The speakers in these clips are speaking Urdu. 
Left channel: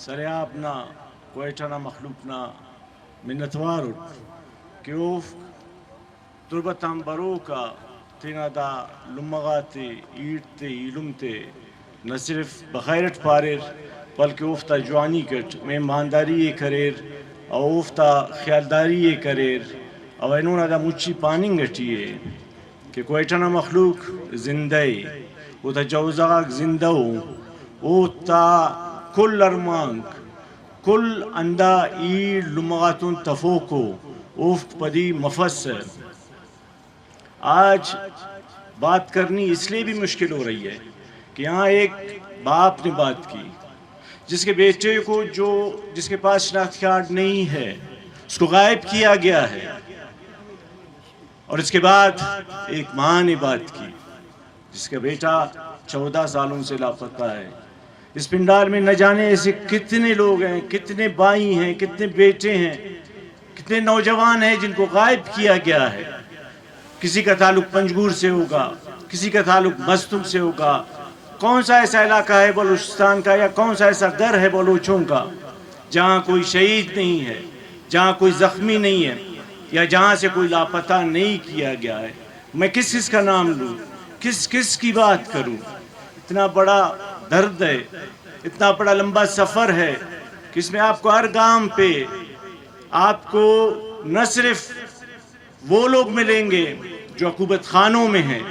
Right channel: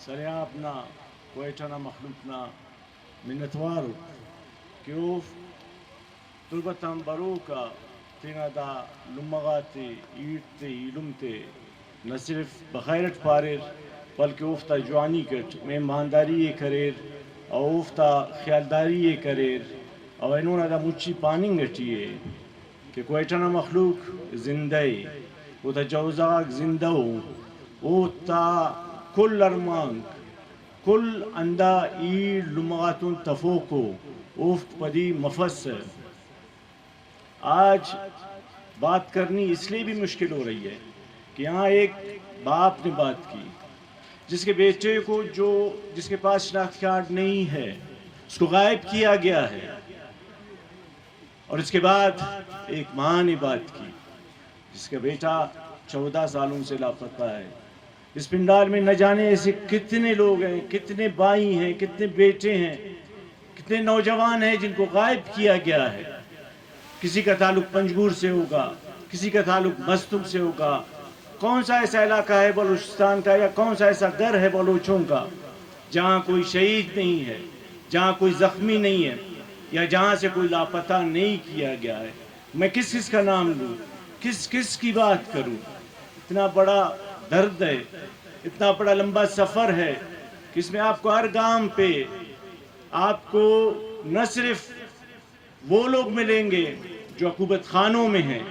سريابنا كويتنا مخلوقنا من نتوارد كيوف تربتهم بروكا تینا دا لمغاتی ایٹتے علمتے نہ صرف بخیرت پارر بلکہ افتا جوانی کٹ مہمانداری یہ کریر او افتا خیالداری یہ کریر او انہوں دا مچی پاننگ گٹیے کہ کوئٹنا مخلوق زندہ او تا جوزاق زندہ او تا کل ارمانک کل اندہ ایر لمغاتون تفوکو افت پدی مفسر آج بات کرنی اس لیے بھی مشکل ہو رہی ہے کہ یہاں ایک باپ نے بات کی جس کے بیٹے کو جس کے پاس شناخت کارڈ نہیں ہے اس کو غائب کیا گیا ہے، اور اس کے بعد ایک ماں نے بات کی جس کا بیٹا 14 سالوں سے لاپتہ ہے۔ اس پنڈال میں نہ جانے ایسے کتنے لوگ ہیں، کتنے بھائی ہیں، کتنے بیٹے ہیں، کتنے نوجوان ہیں جن کو غائب کیا گیا ہے۔ کسی کا تعلق پنجگور سے ہوگا، کسی کا تعلق مستم سے ہوگا، کون سا ایسا علاقہ ہے بلوچستان کا یا کون سا ایسا گھر ہے بلوچوں کا جہاں کوئی شہید نہیں ہے، جہاں کوئی زخمی نہیں ہے، یا جہاں سے کوئی لاپتہ نہیں کیا گیا ہے۔ میں کس کا نام لوں، کس کی بات کروں؟ اتنا بڑا درد ہے، اتنا بڑا لمبا سفر ہے کہ اس میں آپ کو ہر گام پہ آپ کو نہ صرف وہ لوگ ملیں گے جو عقوبت خانوں میں ہیں،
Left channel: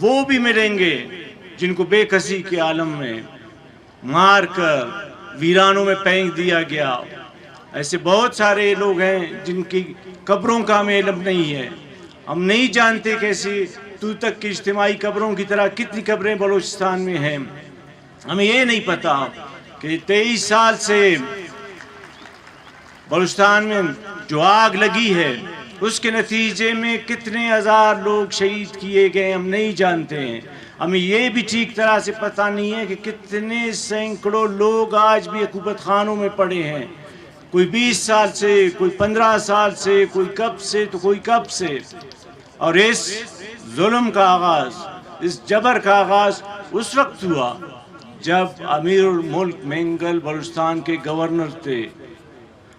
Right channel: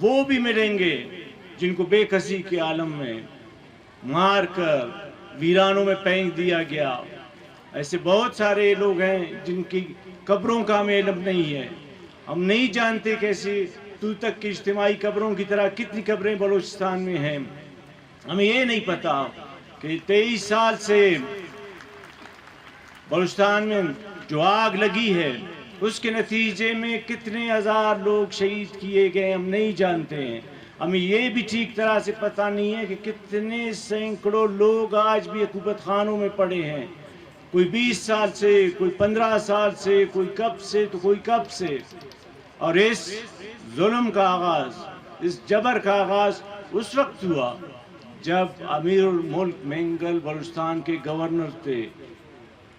وہ بھی ملیں گے جن کو بے کسی کے عالم میں مار کر ویرانوں میں پھینک دیا گیا۔ ایسے بہت سارے لوگ ہیں جن کی قبروں کا ہمیں علم نہیں ہے، ہم نہیں جانتے کیسے تو تک کی اجتماعی قبروں کی طرح کتنی قبریں بلوچستان میں ہیں۔ ہمیں یہ نہیں پتا کہ 23 سال سے بلوچستان میں جو آگ لگی ہے اس کے نتیجے میں کتنے ہزار لوگ شہید کیے گئے ہم نہیں جانتے ہیں۔ ہمیں یہ بھی ٹھیک طرح سے پتہ نہیں ہے کہ کتنے سینکڑوں لوگ آج بھی عقوبت خانوں میں پڑے ہیں، کوئی 20 سال سے، کوئی 15 سال سے، کوئی کب سے تو کوئی کب سے۔ اور اس ظلم کا آغاز، اس جبر کا آغاز اس وقت ہوا جب امیر الملک مینگل بلوچستان کے گورنر تھے،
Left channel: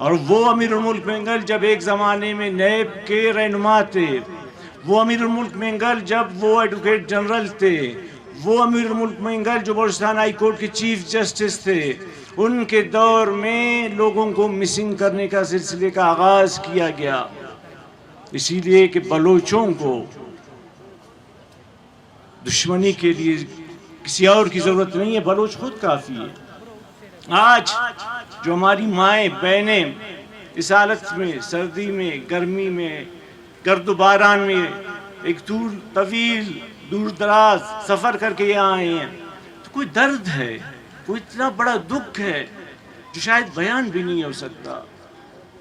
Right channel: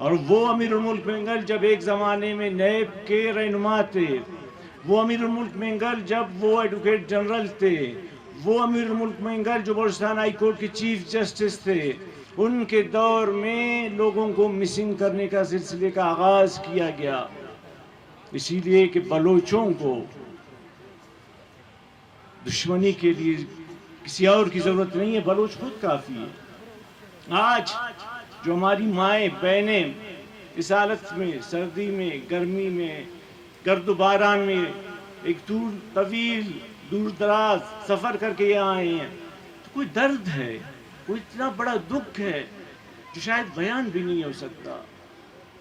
اور وہ امیر الملک مینگل جب ایک زمانے میں نیب کے رہنما تھے، وہ امیر الملک مینگل جب وہ ایڈوکیٹ جنرل تھے، وہ امیر الملک مینگل جو بلوچستان ہائی کورٹ کے چیف جسٹس تھے، ان کے دور میں لوگوں کو مسنگ کرنے کا سلسلے کا آغاز کیا گیا، اسی لیے کہ بلوچوں کو دشمنی کے لیے کسی اور کی ضرورت نہیں ہے، بلوچ خود کافی ہے۔ آج جو ہماری مائیں بہنیں اس حالت میں، سردی میں، گرمی میں، گرد و باران میں ایک طویل دور دراز سفر کر کے یہاں آئے ہیں، تو کوئی درد ہے، کوئی اتنا بڑا دکھ ہے جو شاید بیان بھی نہیں ہو سکتا،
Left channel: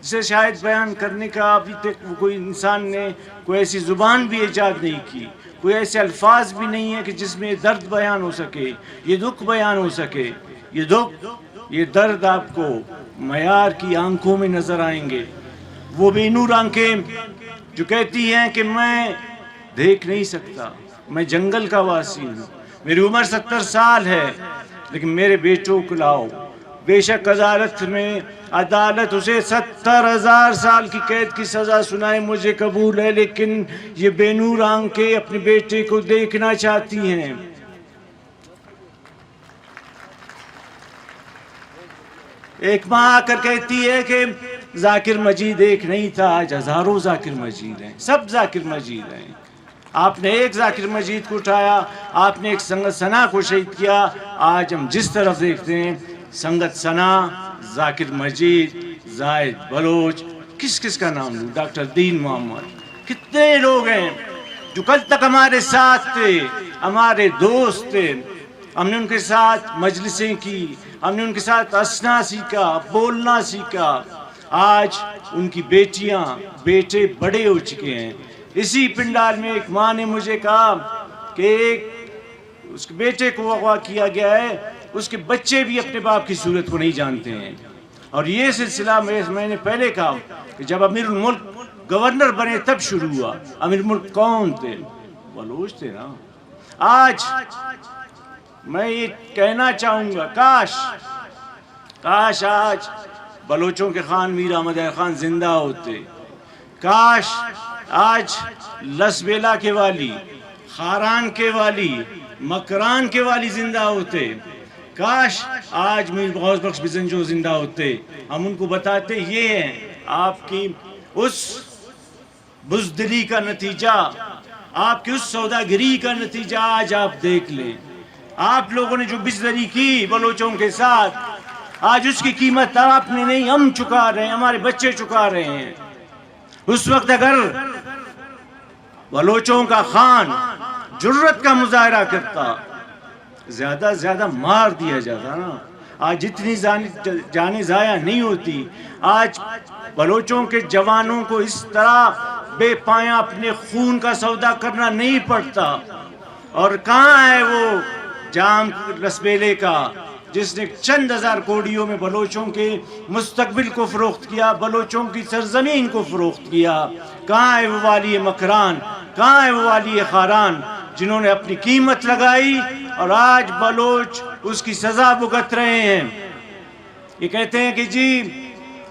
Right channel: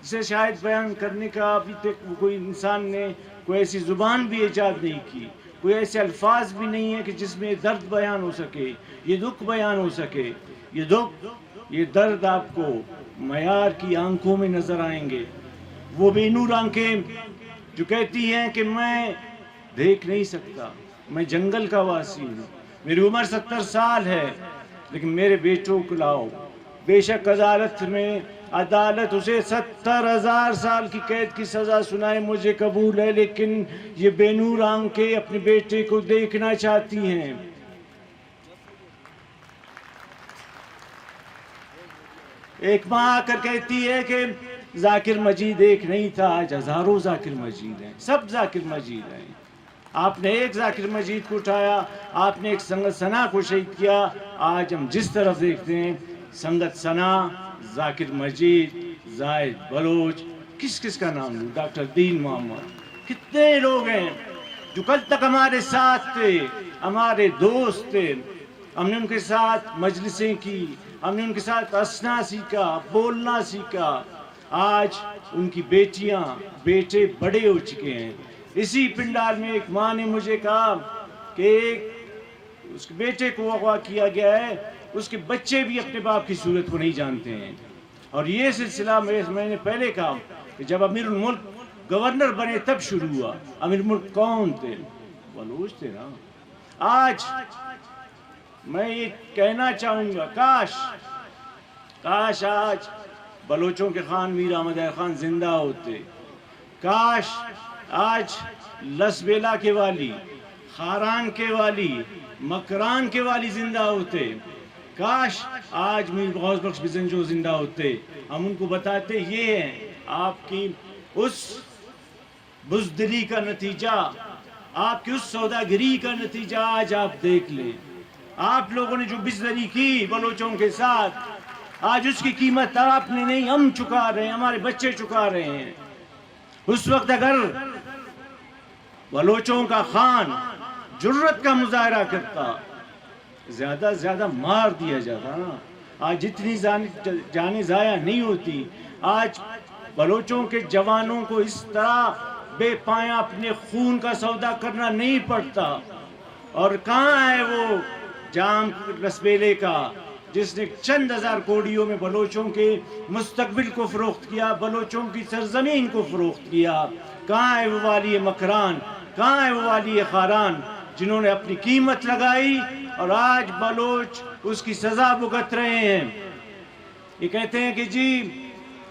جسے شاید بیان کرنے کا ابھی تک کوئی انسان نے کوئی ایسی زبان بھی ایجاد نہیں کی، کوئی ایسے الفاظ بھی نہیں ہیں کہ جس میں درد بیان ہو سکے، یہ دکھ بیان ہو سکے۔ یہ دکھ، یہ درد آپ کو معیار کی آنکھوں میں نظر آئیں گے، وہ بے نور آنکھیں جو کہتی ہیں کہ میں دیکھ نہیں سکتا، میں جنگل کا واسی ہوں، میری عمر 70 سال ہے، لیکن میرے بیٹوں کو لاؤ۔ بے شک عدالت اسے 70,000 سال کی قید کی سزا سنائے مجھے قبول ہے، لیکن یہ بے نور آنکھیں اپنے بیٹے کو دیکھنا چاہتی ہیں۔ ایک ماں آ کر کہتی ہے کہ ذاکر مجید ایک نہیں تھا، آج ہزاروں ذاکر مجید ہیں، سب ذاکر مجید ہیں۔ آپ نے ایک ذاکر مجید کو اٹھایا، آپ نے ایک سنگت ثنا کو شہید کیا۔ آج ہم جس طرف دیکھتے ہیں سنگت ثنا، ذاکر مجید، زاہد بلوچ، کس کا نام لوں، ڈاکٹر دین محمد، کتنے لوگ ہیں جو کل تک ہمارے ساتھ تھے، ہمارے دوست تھے، ہم نے ان کے ساتھ مجلسیں کی، ہم نے ان کے ساتھ ہنسنا سیکھا، بولنا سیکھا۔ آج ان کی بیٹیاں، بیٹے بڑے ہو چکے ہیں۔ اسی پنڈال میں ایک ماں نے مجھے کہا کہ اس کے بیٹے کو اغوا کیا گیا ہے، اس کے بچے بھی اپنے باپ کی صورت کو نہیں جانتے ہیں۔ اور یہ سلسلہ میں نے پہلے کہا کہ جب امیر الملک گورنر بنے تب شروع ہوا۔ امیر الملک کون تھے؟ بلوچ تھے نا۔ آج میں یہ کہنا چاہوں گا، کاش آج بلوچوں کے خان میر احمد خان زندہ ہوتے، کاش آج لسبیلا کے والی، خاران کے والی، مکران کے والی زندہ ہوتے، کاش آج میر غوث بخش بزنجو زندہ ہوتے. ہم ان کو بتاتے یہ ہے آپ کی اس بزدلی کا نتیجہ، آپ کی اس سوداگری کا نتیجہ آج آپ دیکھ لیں. آپ لوگوں نے جو بزدلی کی بلوچوں کے ساتھ، آج اس کی قیمت آپ نے نہیں، ہم چکا رہے ہیں، ہمارے بچے چکا رہے ہیں. اس وقت اگر بلوچوں کا خان جرت کا مظاہرہ کرتا، زیادہ زیادہ مار دیا جاتا نا. آج جتنی جانیں ضائع نہیں ہوتی. آج بلوچوں کے جوانوں کو اس طرح بے پایا اپنے خون کا سودا کرنا نہیں پڑتا. اور کہاں ہے وہ جام لسبیلے کا جس نے چند ہزار کوڑیوں میں بلوچوں کے مستقبل کو فروخت کیا، بلوچوں کی سرزمین کو فروخت کیا؟ کہاں ہے وہ والی مکران، کہاں ہے وہ والی خاران جنہوں نے اپنی قیمت لگائی اور آج بلوچ اس کی سزا بھگت رہے ہیں؟ یہ کہتے ہیں کہ جی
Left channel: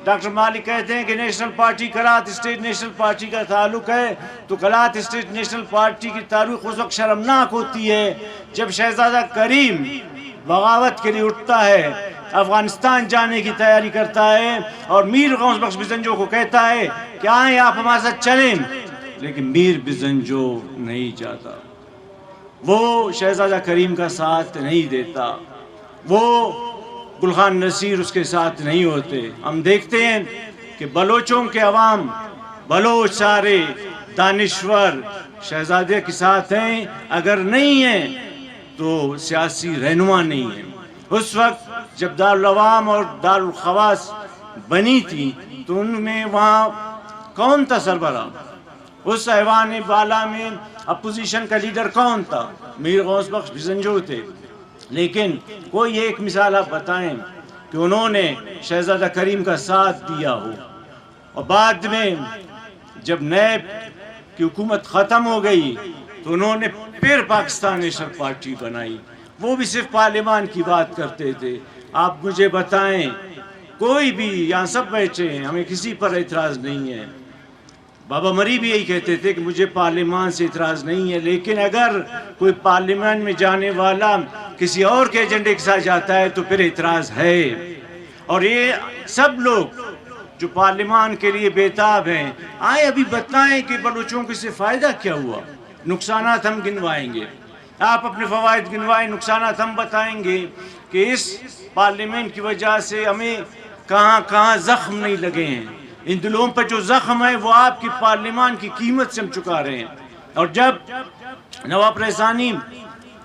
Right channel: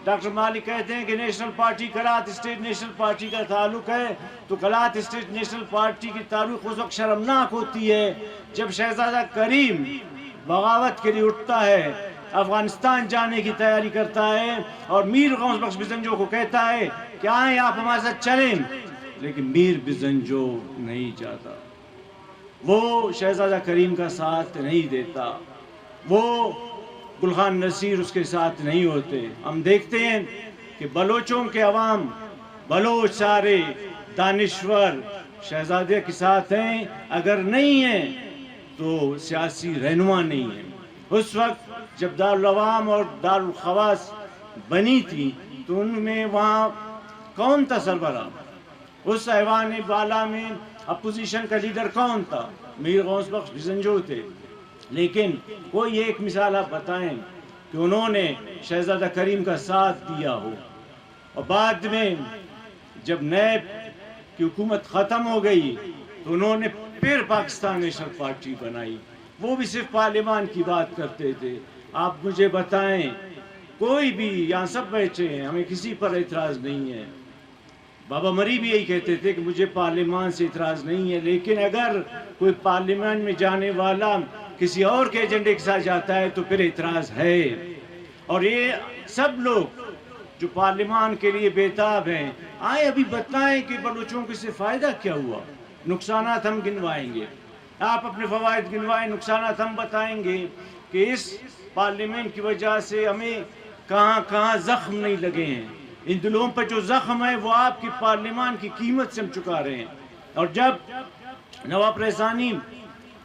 ڈاکٹر مالک کہتے ہیں کہ national party Kalat state national party کا تعلق ہے، تو کلات اسٹیٹ نیشنل پارٹی کی تاریخ اس وقت شرمناک ہوتی ہے جب شہزادہ کریم بغاوت کے لیے اٹھتا ہے، افغانستان جانے کی تیاری کرتا ہے اور میر غوث بخش بزنجو کو کہتا ہے کہ آئیں آپ ہمارے ساتھ چلیں، لیکن میر بزنجو نہیں جاتا. وہ شہزادہ کریم کا ساتھ نہیں دیتا، وہ گل خان نصیر اس کے ساتھ نہیں ہوتے. ہم دیکھتے ہیں کہ بلوچوں کے عوام، بلوچ سارے دانشور شہزادے کے ساتھ ہیں، اگر نہیں ہیں تو سیاسی رہنما نہیں ہیں. اس وقت جب دارالعوام اور دارالخواص بنی تھی تو ان میں وہاں کون تھا سربراہ؟ اس ایوان بالا میں اپوزیشن کا لیڈر کون تھا؟ میر غوث بخش بزنجو تھے. لیکن کوئی ایک مثال آپ بتائیں کہ انہوں نے شہزادہ کریم کا ساتھ دیا ہو. اور بعد میں جب نیب کی حکومت ختم ہو گئی تو انہوں نے پھر پاکستان نیشنل پارٹی بنائی. وہ بھی صرف پارلیمان کی بات کرتے تھے. آپ مجھے بتائیں، کوئی بھی یہاں سب بیٹھے ہیں، ہمیں کسی پر اعتراض نہیں ہے. بابا مری بھی یہی کہتے تھے کہ مجھے پارلیمان سے اعتراض نہیں ہے، لیکن اگر کوئی پارلیمان میں جانے والا کسی اور کے ایجنڈے کے ساتھ جاتا ہے تو پھر اعتراض ہے. اور یہ سب لوگ جو پارلیمان کے لیے بیتاب ہیں، آئے ابھی بتائیں کہ بلوچوں کو اس سے فائدہ کیا ہوا. نقصانات ہم گنوائیں گے، آپ اپنے فوائد گنوائیں، نقصانات ہم بتائیں گے کہ اس پارلیمنٹ کی وجہ سے ہمیں کہاں کہاں زخم نہیں لگے ہیں. ان دلوں پر جو زخم ہے وہ آپ کی پارلیمان کی قیمت سے ہم چکا رہے ہیں. اور جب نواب رحسانی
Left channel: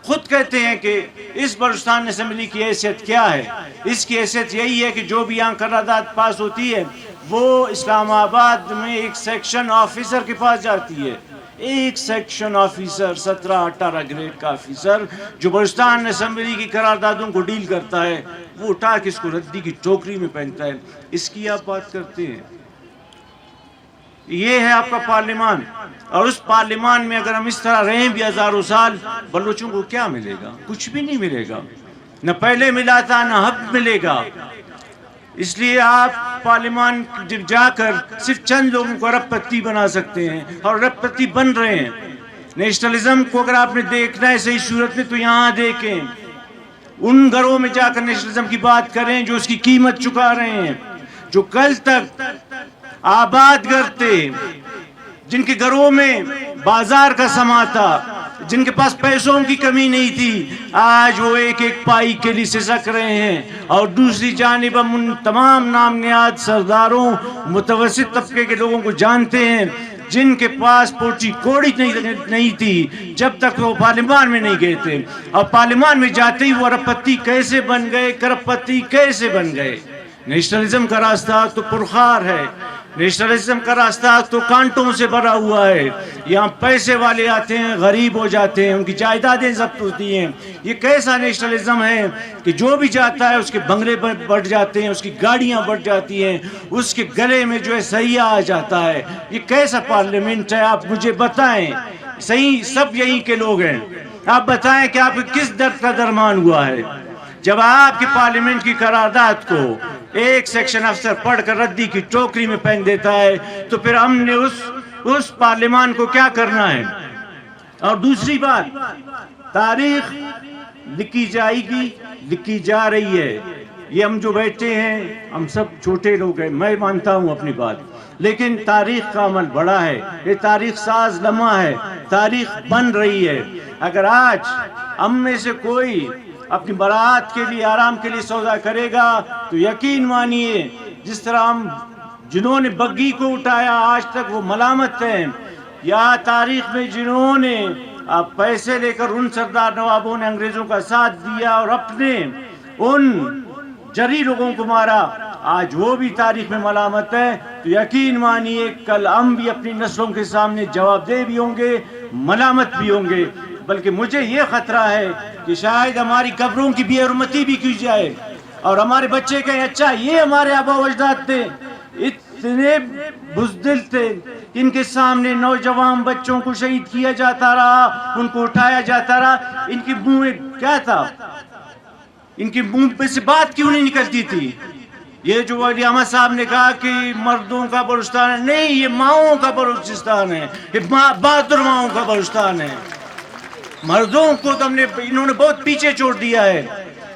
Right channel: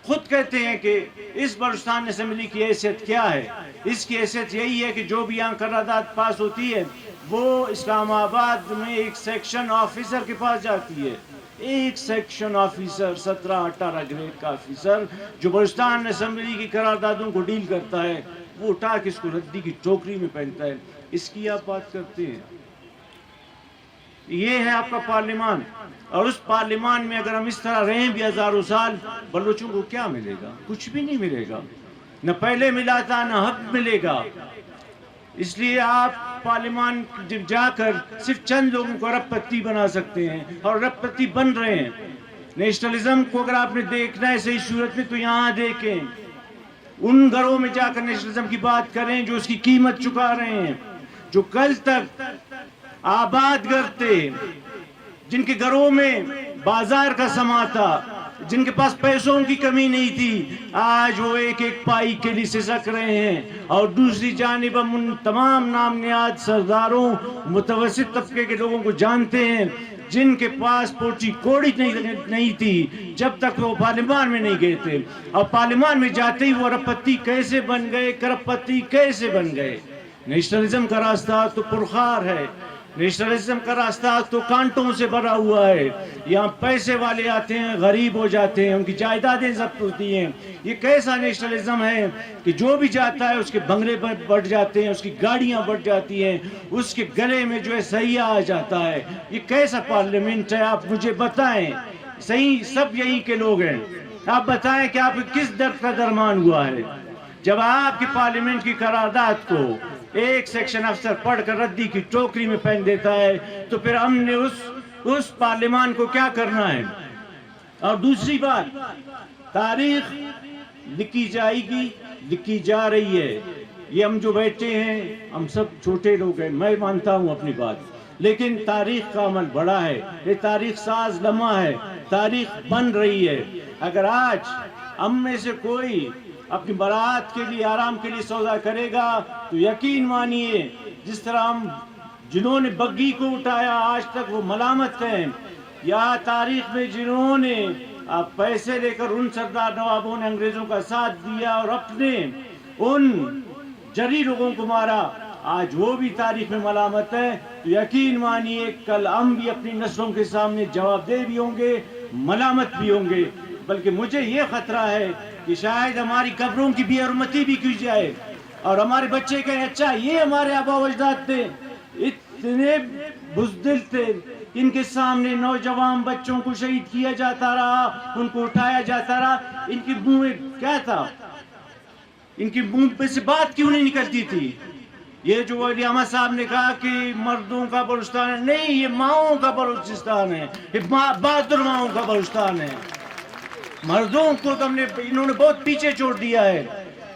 خود کہتے ہیں کہ اس بلوچستان اسمبلی کی حیثیت کیا ہے، اس کی حیثیت یہی ہے کہ جو بھی یہاں قرارداد پاس ہوتی ہے وہ اسلام آباد میں ایک سیکشن آفیسر کے پاس جاتی ہے. ایک سیکشن آفیسر 17-18 گریڈ کا آفیسر جو بلوچستان اسمبلی کی قراردادوں کو ڈیل کرتا ہے، وہ اٹھا کے اس کو ردی کی ٹوکری میں پہنتا ہے. اس کی آپ بات کرتے ہیں. یہ ہے آپ کا پارلیمان. اور اس پارلیمان میں اگر ہم اس طرح رہیں بھی ہزاروں سال، بلوچوں کو کیا ملے گا؟ کچھ بھی نہیں ملے گا. نہ پہلے ملا تھا نہ اب ملے گا. اس لیے آپ پارلیمان جا کر صرف چند لوگوں کو ارب پتی بنا سکتے ہیں اور ارب پتی بن رہے ہیں. نیشنلزم کو اگر آپ نے دیکھنا ہے صحیح صورت میں تو یہاں دیکھیں، ان گھروں میں جا کر نیشنلزم کی بات کریں جو اس کی قیمت چکا رہے ہیں، جو کل تک آباد گھر تھے، جن کے گھروں میں بازار کا سما تھا، جن کے پاس پیسوں کی کمی نہیں تھی، آج وہ ایک ایک پائی کے لیے سسک رہے ہیں. اور دوسری جانب ہم ان تمام نام نہاد سرداروں، متوسط طبقے کے لوگوں کو جانتے ہیں جن کے پاس پوٹی کوڑی نہیں تھی جب تک وہ پارلیمان میں نہیں گئے تھے، اور پارلیمان میں جاتے ہی وہ ارب پتی کیسے بن گئے، کرب پتی کیسے بن گئے. نیشنلزم کا راستہ تو پرخار ہے، نیشنلزم کا راستہ تو کانٹوں سے بھرا ہوا ہے. یہاں پیسے والے آتے ہیں، غریب ہو جاتے ہیں، ان کی جائیدادیں ضبط ہوتی ہیں. یہ کیسا نیشنلزم ہے کہ جو بھی جاتا ہے اس کے بنگلے بڑھ جاتے ہیں، اس کی گاڑیاں بڑھ جاتی ہیں، اس کے گلے میں جو ہے سیاح آ جاتا ہے. یہ کیسا پارلیمنٹ ہے؟ آپ مجھے بتائیں. صحیح سب یہیں کے لوگ ہیں. آپ بتائیں کہ آپ کس درد کا درمان ہوا ہے؟ جب آپ کی پارلیمنٹ کی قرارداد کو ایک سیکشن افسر پڑھ کر ردی کی ٹوکری میں پھینک دیتا ہے تو پھر ہم نے اس پارلیمان کو کیا کرنا ہے؟ اور دوسری بات، تاریخ لکھی جائے گی، لکھی جا رہی ہے. یہ ہم جو بیٹھے ہیں ہم سب چھوٹے لوگ ہیں، میں مانتا ہوں اپنی بات، لیکن تاریخ کا عمل بڑا ہے. یہ تاریخ ساز لمحہ ہے، تاریخ بن رہی ہے. اگر آج ہم میں سے کوئی اپنی برات کے لیے، آرام کے لیے سودا کرے گا تو یقین مانیے جس طرح ہم جنہوں نے بگی کو اٹھایا آج تک وہ ملامت ہیں، یا تاریخ میں جنہوں نے پیسے لے کر ان سردار نوابوں نے انگریزوں کا ساتھ دیا اور اپنے ان جری لوگوں کو مارا، آج وہ بھی تاریخ میں ملامت ہے. تو یقین مانیے کل ہم بھی اپنی نسلوں کے سامنے جواب دہ بھی ہوں گے، ملامت بھی ہوں گے. بلکہ مجھے یہ خطرہ ہے کہ شاید ہماری قبروں کی بے حرمتی بھی کی جائے اور ہمارے بچے کہیں اچھا یہ ہمارے آبا و اجداد تھے، اتنے بزدل تھے، ان کے سامنے نوجوان بچوں کو شہید کیا جاتا رہا، ان کو اٹھایا جاتا رہا. ان کی منہ میں کیا تھا؟ ان کی منہ پہ سے بات کیوں نہیں نکلتی تھی؟ یہ جو علی احمد صاحب نے کہا کہ مردوں کا بلوچستان ہے، نہیں، یہ ماؤں کا بلوچستان ہے، یہ بہادر ماؤں کا بلوچستان ہے. مردوں کو تو انہوں نے بہت پیچھے چھوڑ دیا ہے.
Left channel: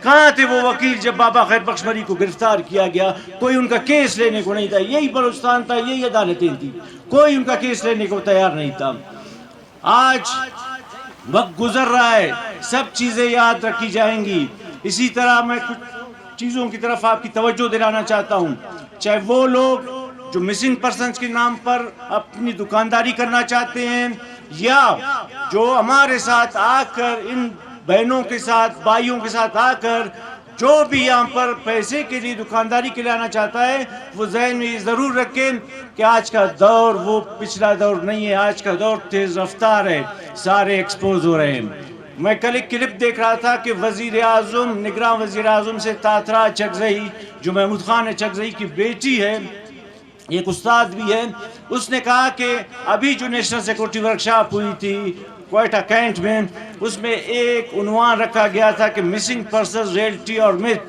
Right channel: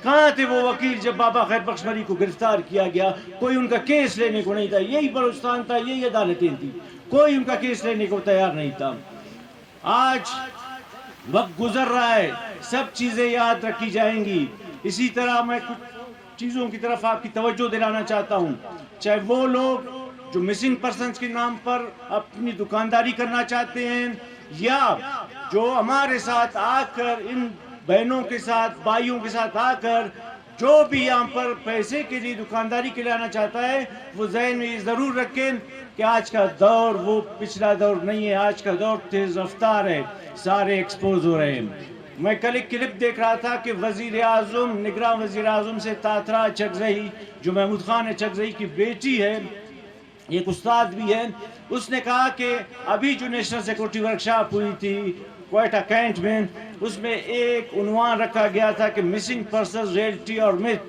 کہاں تھے وہ وکیل جب بابا خیر بخش مری کو گرفتار کیا گیا؟ کوئی ان کا کیس لینے کو نہیں تھا. یہی بلوچستان تھا، یہی عدالتیں تھی، کوئی ان کا کیس لینے کو تیار نہیں تھا. آج وقت گزر رہا ہے، سب چیزیں یاد رکھی جائیں گی. اسی طرح میں کچھ چیزوں کی طرف آپ کی توجہ دلانا چاہتا ہوں. چاہے وہ لوگ جو مسنگ پرسنز کے نام پر اپنی دکانداری کرنا چاہتے ہیں، یا جو ہمارے ساتھ آ کر ان بہنوں کے ساتھ، بھائیوں کے ساتھ آ کر جو بھی یہاں پر پیسے کے لیے دکانداری کے لیے آنا چاہتا ہے، وہ ذہن میں یہ ضرور رکھیں کہ آج کا دور وہ پچھلا دور نہیں ہے. آج کا دور تیز رفتار ہے، سارے ایکسپوز ہو رہے ہیں. میں کل ایک کلپ دیکھ رہا تھا کہ وزیر اعظم، نگراں وزیر اعظم سے تاترا چکزئی، جو محمود خان چکزئی کی بیٹی ہے، ایک استاد بھی ہے، اس نے کہا کہ ابھی جو نیشنل سیکورٹی ورکشاپ ہوئی تھی کوئٹہ کینٹ میں، اس میں ایک عنوان رکھا گیا تھا کہ مسنگ پرسنز ریئلٹی اور میتھ.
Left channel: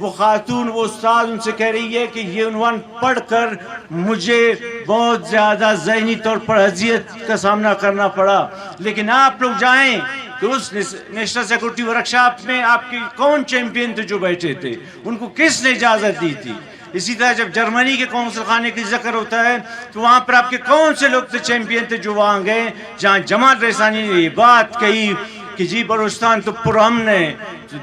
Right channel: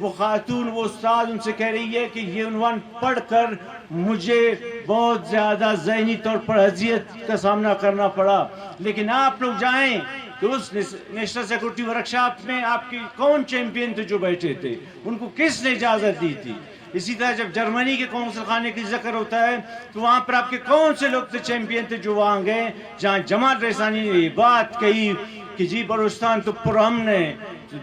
وہ خاتون، وہ استاد ان سے کہہ رہی ہے کہ یہ عنوان پڑھ کر مجھے بہت زیادہ ذہنی طور پر اذیت کا سامنا کرنا پڑا. لیکن آپ لوگ جائیں کہ اس نیشنل سیکورٹی ورکشاپ میں آپ کے کون چیمپئن تھے جو بیٹھے تھے؟ ان کو کس نے اجازت دی تھی؟ اسی طرح جب جرمنی کے قونصل خانے کی ذکر ہوتا ہے تو وہاں پر آپ کے کون سے لوگ تھے چیمپئن تھے جو وہاں گئے جہاں جمال ریسانی نے یہ بات کہی کہ جی بلوچستان تو پرامن ہے؟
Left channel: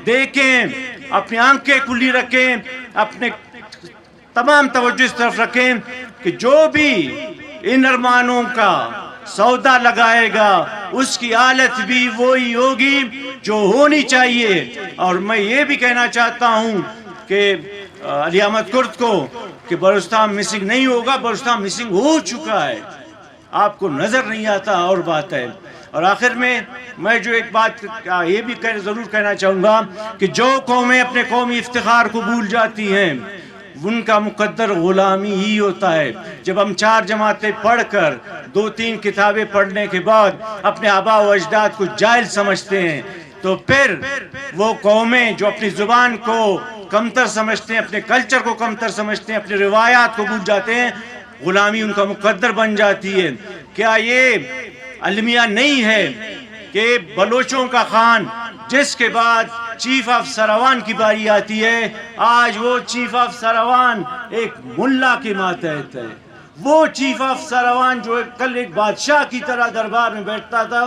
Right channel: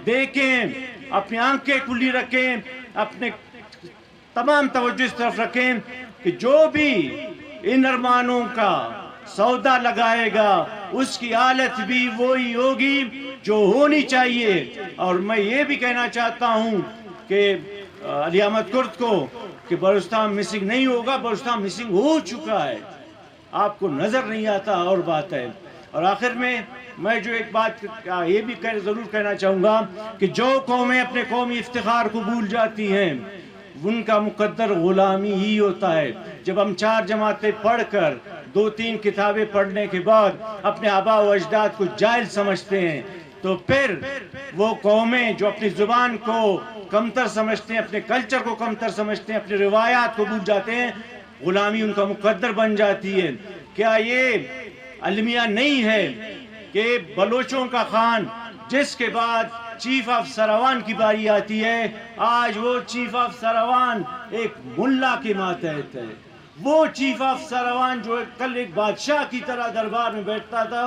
دیکھیں، اپنی آنکھیں کھلی رکھیں، اپنے تمام توجہ اس طرف رکھیں کہ جو بھی ان ارمانوں کا سودا لگائے گا اس کی حالت بھی وہی ہوگی جو ہونی چاہیے. اور میں یہ بھی کہنا چاہتا ہوں کہ علی احمد کرد کو کہ بلوچستان مسنگ نہیں ہوگا، بلوچستان مسنگ ہو چکا ہے، آپ کو نظر نہیں آتا اور بات ہے. اور آخر میں جو ایک بات یہ بھی ضرور کہنا چاہوں گا کہ جو قومیں اپنے قومی افتخار کو بھول جاتی ہیں ان کا مقدر غلامی ہی ہوتا ہے. جب ہم 4 جماعتیں پڑھ کر 2-3 کتابیں پڑھنے کے بعد اپنے آبا و اجداد کو جاہل سمجھتے ہیں تو پھر وہ قومیں جو اپنی زبان کو کمتر سمجھتے ہیں، اپنے کلچر کو کمتر سمجھتے ہیں، اپنے روایات کو بھول جاتے ہیں، غلامی ان کا مقدر بن جاتی ہے. کیا یہ المیہ نہیں ہے کہ بلوچوں کا خان جس کے بعد چیف آف سروان کی باری آتی ہے، آج وہ چیف آف سروان ایک ملا کے ماتحت ہے؟ وہ چیف آف سروان جو کل ایک بادشاہ کی طرح دربار میں بیٹھتا تھا،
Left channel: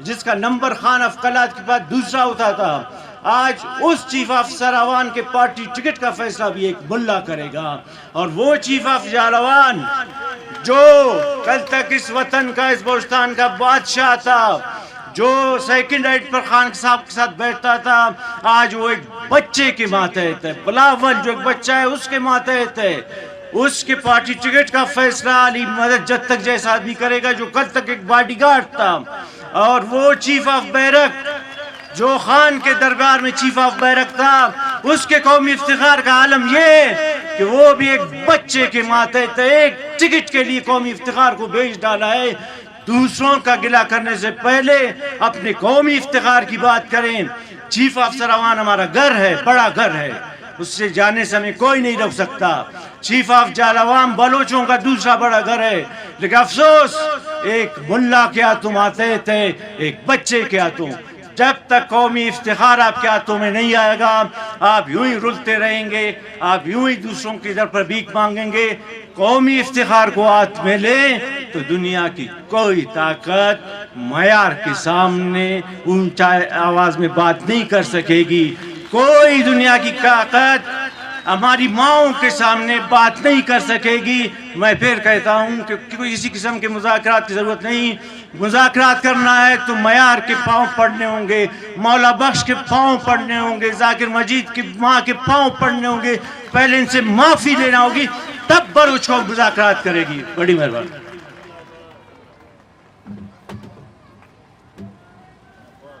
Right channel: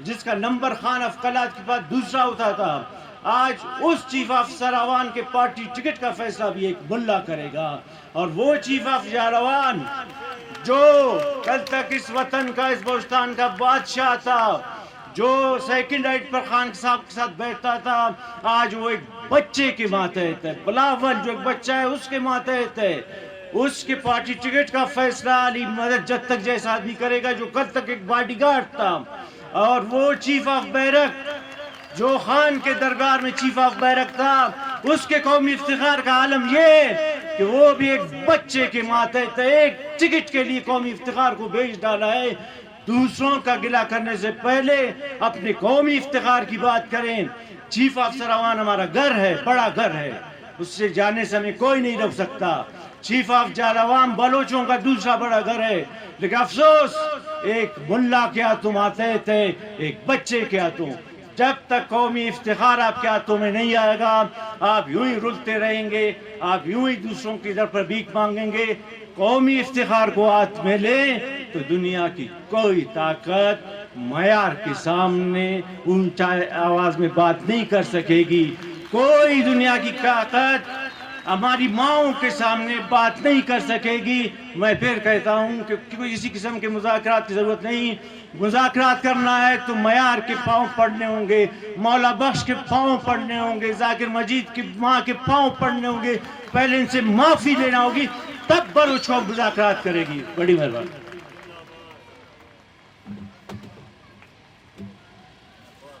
جس کا نمبر خان آف قلات کے بعد دوسرا ہوتا تھا، آج اس چیف آف سروان کے پارٹی ٹکٹ کا فیصلہ بھی ایک ملا کرے گا. اور وہ چیف آف جالوان جو کل تک اس وطن کا، اس بلوچستان کا بادشاہ تھا، جو سیکنڈ رائٹ پر خان صاحب کے ساتھ بیٹھتا تھا، آج وہ ایک بچے کے ماتحت ہے. بلاول جو ایک بچہ ہے اس کے ماتحت ہے. اس کے پارٹی ٹکٹ کا فیصلہ علی مدد جد تک جیسا آدمی کرے گا جو کل تک ایک باڈی گارڈ تھا. اور وہ چیف آف بیرک جو خان کے دربار میں چیف آف بیرک تھا، اس کے قومی افتخار کا عالم یہ کہ وہ بھی ایک بچے کے ماتحت ہے. ایک ٹکٹ کے لیے قومی افتخار کو بیچ ڈالا ہے. دوسروں کا گلہ کرنے سے پہلے اپنے قومی افتخار کی بات کریں. چیف آف سروان ہمارا گھر ہے، بڑا گھر ہے، اس سے جانے سے ہمیں کوئی نہیں روک سکتا. چیف آف جالوام بلوچوں کا دوسرا بڑا گھر ہے، لیکن افسوس ایک ملا کے ہاتھوں آتے تھے، ایک بچے کے ہاتھوں. جب تک قومی افتخار آپ کے ہاتھوں میں نہیں آئے گا آپ یوں ہی رلتے رہیں گے، آپ یوں ہی دوسروں کی در پر بھیک مانگیں گے. قومی افتخار کو ہاتھ میں لیں تو دنیا کی کوئی طاقت معیار کے سامنے اونچا آواز میں بات نہیں کر سکے گی. کوئی دنیا کی طاقت ہماری ماؤں کے سامنے بات نہیں کر سکے گی. میں پھر کہتا ہوں کہ کوئی کسی قسم کے مذاکرات کی ضرورت نہیں. مذاکرات کرنا ہے تو معیار کے پاؤں پڑنے ہوں گے، مولا بخش کے پاؤں پڑنے ہوں گے، ذاکر مجید کی ماں کے پاؤں پڑنے ہوں گے. پہلے ان سے معافی لینا ہوگی، تب بلوچ کو مذاکرات کرے گی. بڑی مہربانی.